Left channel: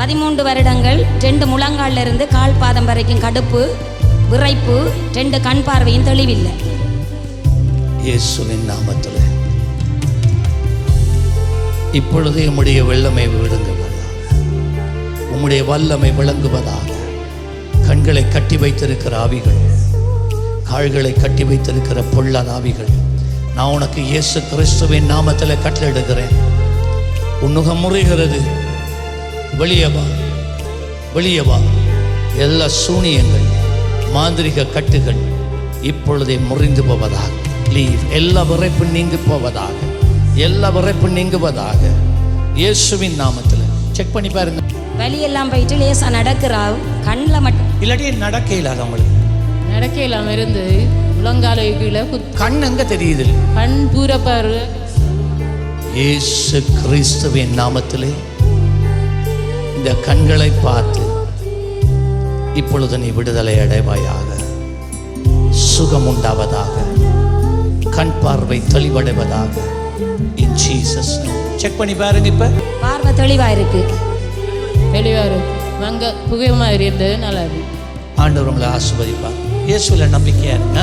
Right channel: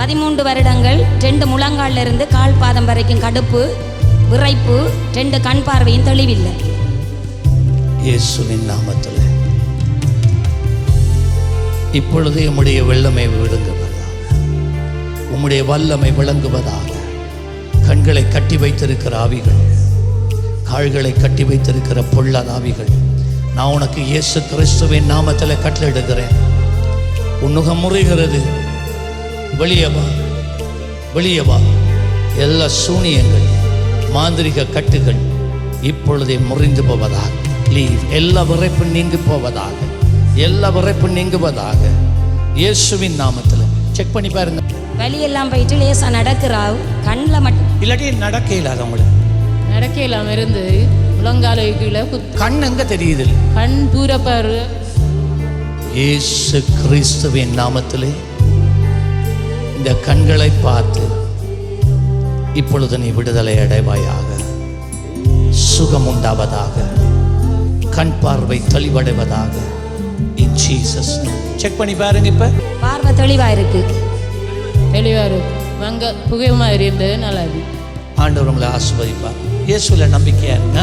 13 வருடங்கள் 2 முழங்கால்ல இருந்து கால் பாதம் வரைக்கும் கடுப்பு, விரைப்பு, 2 கண் பார்வையும் தெளிவில்லை. இயேசுவின் நாமத்தில் இப்பொழுதே உம்முடைய வெள்ளமை விழுங்குவதாக, உம்முடைய வல்லமை விளங்குவதாக. கண்களை கட்டி வைத்திருக்கிற ஆவிகள், கால்களை கட்டி வைத்திருக்கிற பொல்லாத ஆவிகள், நான் உனக்கு இயேசு கிறிஸ்துவின் நாமத்தில் கட்டளையிடுகிறேன். உன்னுகம் முறைகிறது, வெளியே வா, வெளியே வா. எல்லா சூனியங்கள், மாந்திரிக கட்டுகள் இப்பொழுதே முறிந்து போவதாக. லீவ். எல்லா விரைப்பும் நீங்கி போவதாக, எல்லா விரைப்பும் நீங்குவதாக இயேசுவின் நாமத்தில். செக் பண்ணி பாருங்க. வலியெல்லாம் போயிட்டு லேசா நடக்கிறாவு, கண்ணில் மட்டும் இல்லாட்டி நடக்க இல்லாத அவங்களுக்கு நடக்க இல்லாமல் இருந்து முழங்கால கீழே கண் எங்க தெரியுது? கண் தூரப்பாரு. இயேசு கிறிஸ்துவின் நாமத்திலே இந்த கண்களை பார்த்து இப்பொழுது நீ விடுதலை அடைவாயாக, சுகம் உண்டாவதாக, கண் பார்வை தெளிவடைவதாக. In Jesus name. செக் பண்ணி பாருங்க. இப்ப பார்வை தெளிவா இருக்கு, தெளிவா இருக்கு. புகை மாதிரி இருந்தது நல்லா இருக்கு. ஆண்டவர் உங்களை ஆசீர்வதிப்பார். இயேசுல நம்பிக்கையா இருங்க.